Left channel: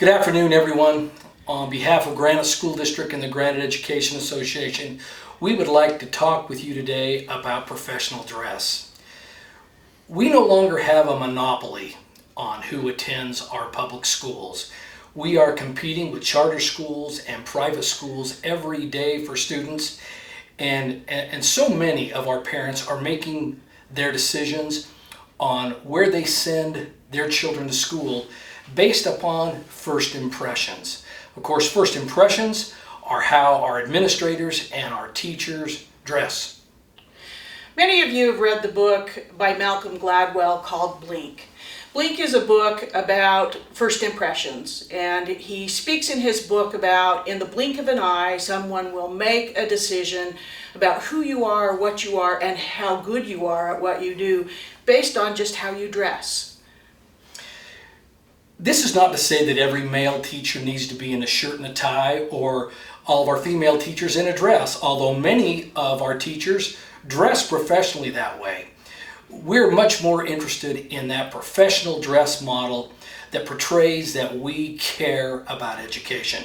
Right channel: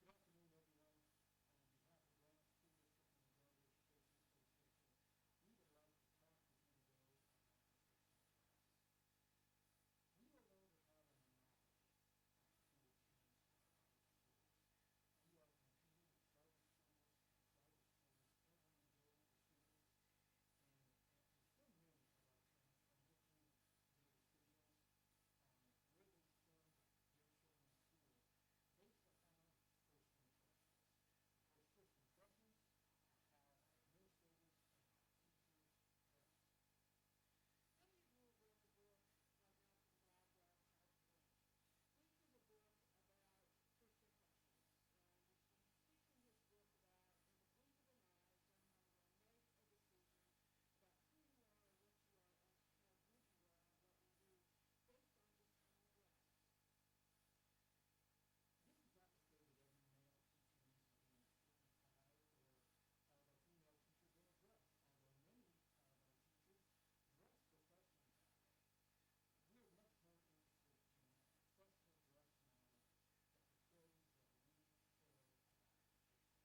Good afternoon, everyone. On behalf of Granite School District and the Granite Education Association, we would like to talk with you today about professional dress. We no longer have a monopoly on who attends our public schools. We are competing with charter schools and private schools every day for students, and so many of our parents are making their decisions on where they send their children to school based upon first impressions. Of course, first impressions are how our administrators and our teachers dress. Many of you have read the book by Malcolm Gladwell called Blink. Blink is a book about first impressions, and he speaks in his book about in the blink of an eye, someone will make a decision about who you are, what you are, and how good you are at what you do based on just how you dress. This is not to say that every male teacher needs to be in a shirt and a tie, or all of our female teachers in a dress, although many of our teachers dress professionally that way. We're much more interested in that professional dress model that portrays that we care about education.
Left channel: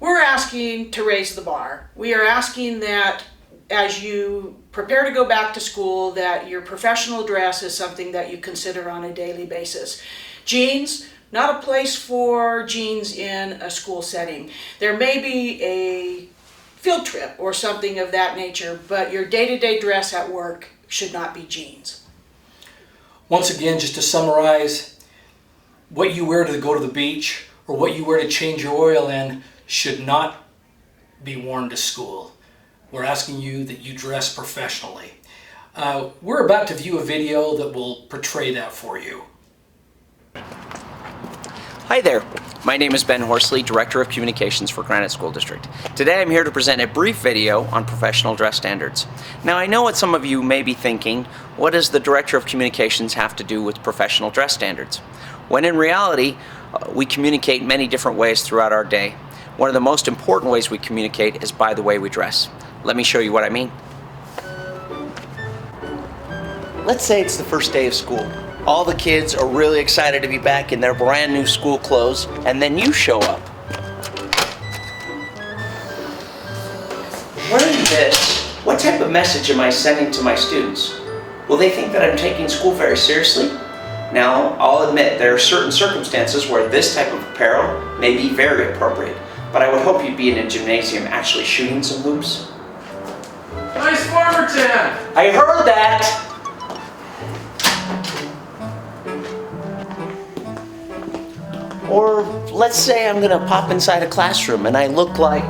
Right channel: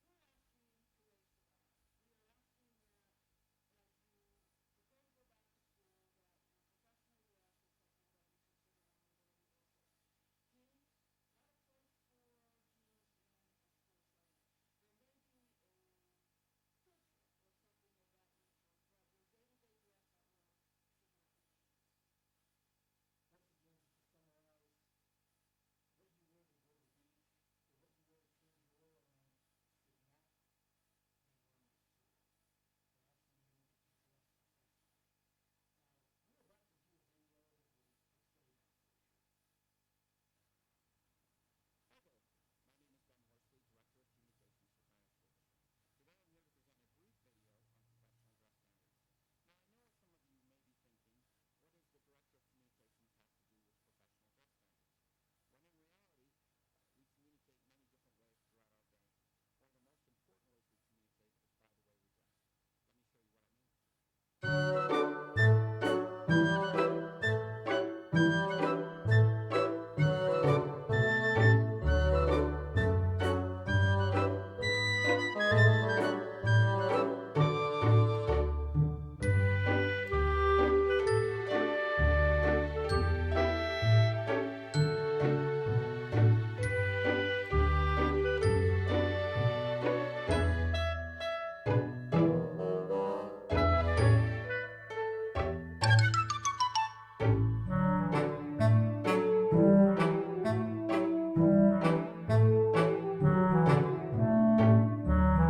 We're asking to raise the bar. We are asking that as you prepare to go back to school, that your professional dress is something that you consider on a daily basis. Jeans, not a place for jeans in a school setting. There may be a field trip or something of that nature, but your day-to-day dress at work should not be jeans. Once again, just to summarize, what you wear to go to the beach or what you wear to change your oil in should not be worn to school. We're asking you that you dress professionally. We're about to view a video that will portray that for you. Hi there, my name is Ben Horsley, Director of Communications for Granite School District. Today I'm here to present a brief video on professional dress standards. Now I know what some of you may be thinking, what does the Director of Communications have to do with professional dress standards? When in reality, we communicate many different ways throughout our day. One of the most important ways we communicate is by the way we dress. Let me show you what I mean. Let's say it's the first day of school. All the kids are really excited to be back in their brand new school clothes, and then you show up. Wearing this, what type of message am I sending to my students? Will they think that I'm taking school very seriously? Now, I'll admit there are certain circumstances where this type of apparel may be very appropriate, but I would hope you'd be in a gymnasium actually shooting some hoops. Nice farmer, Tim! I heard that! Or let's say I'm gonna pop inside a classroom and I look like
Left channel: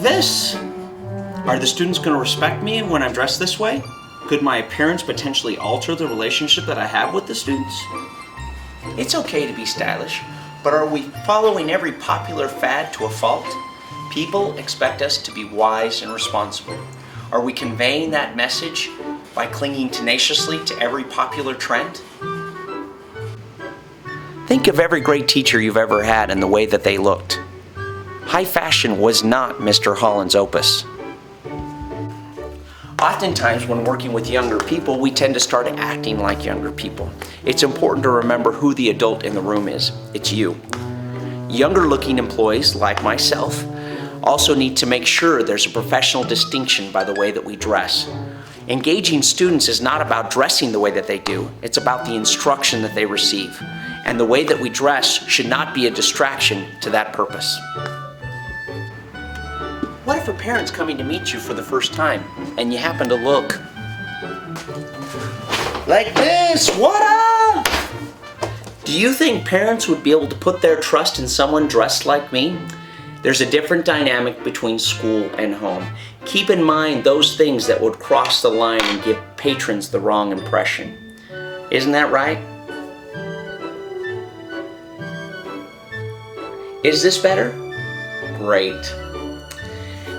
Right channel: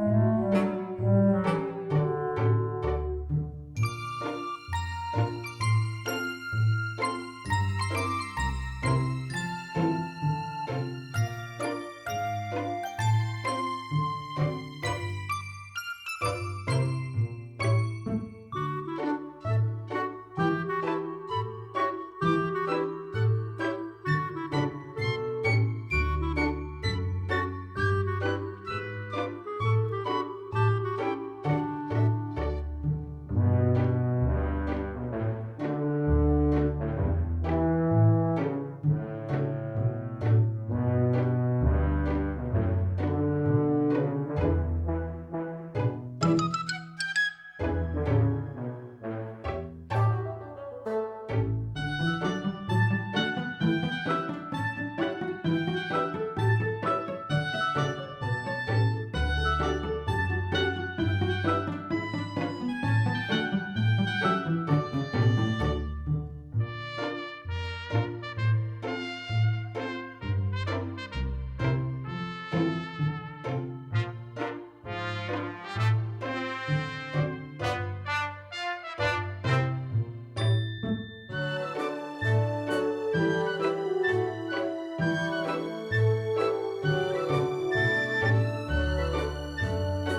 this. Are the students gonna respect me when I'm dressed this way? Could my appearance potentially alter the relationship that I have with the students? It's okay to be stylish, but are we following every popular fad to a fault? People expect us to be wise and responsible. Are we conveying that message by clinging tenaciously to every popular trend? Think of every great teacher you've ever had and the way that they looked. High fashion was not Mr. Holland's opus. Oftentimes when working with younger people, we tend to start acting like younger people. It's important to remember who the adult in the room is. It's you. Younger looking employees, like myself, also need to make sure there's a professional distinction by the way that we dress. Engaging students is not about dressing the way that they do, it's about the instruction that they receive. And the way that we dress should not be a distraction to that purpose. What if a parent's coming to meet you for the first time and you happen to look like this? What up? Do you think parents would be able to put their trust in someone dressed like me? There's a different dynamic between school and home. Keep in mind those things that would cross the line and give patrons the wrong impression. Isn't that right? Is this better? Great.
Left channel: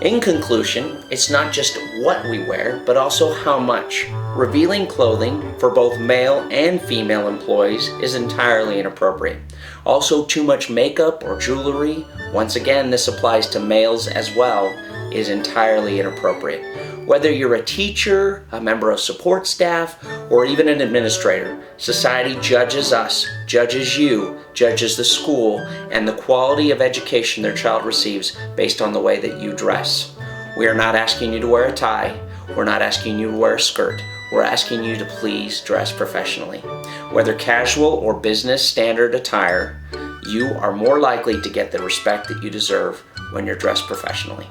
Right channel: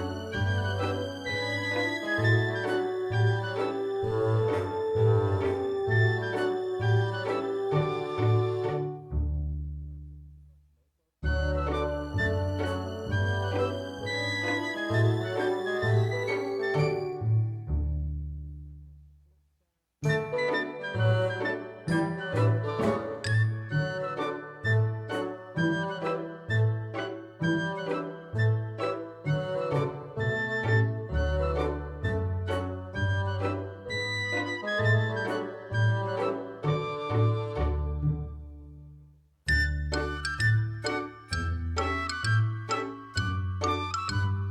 In conclusion, it's not just what we wear, but also how much. Revealing clothing for both male and female employees is entirely inappropriate. Also, too much makeup or jewelry, once again this applies to males as well, is entirely inappropriate. Whether you're a teacher, a member of support staff, or even an administrator, society judges us, judges you, judges the school, and the quality of education their child receives based on the way that you dress. We are not asking you to wear a tie. We're not asking you to wear a skirt. We're asking you to please dress professionally. Whether casual or business standard attire, you are more likely to get the respect that you deserve when you're dressed professionally.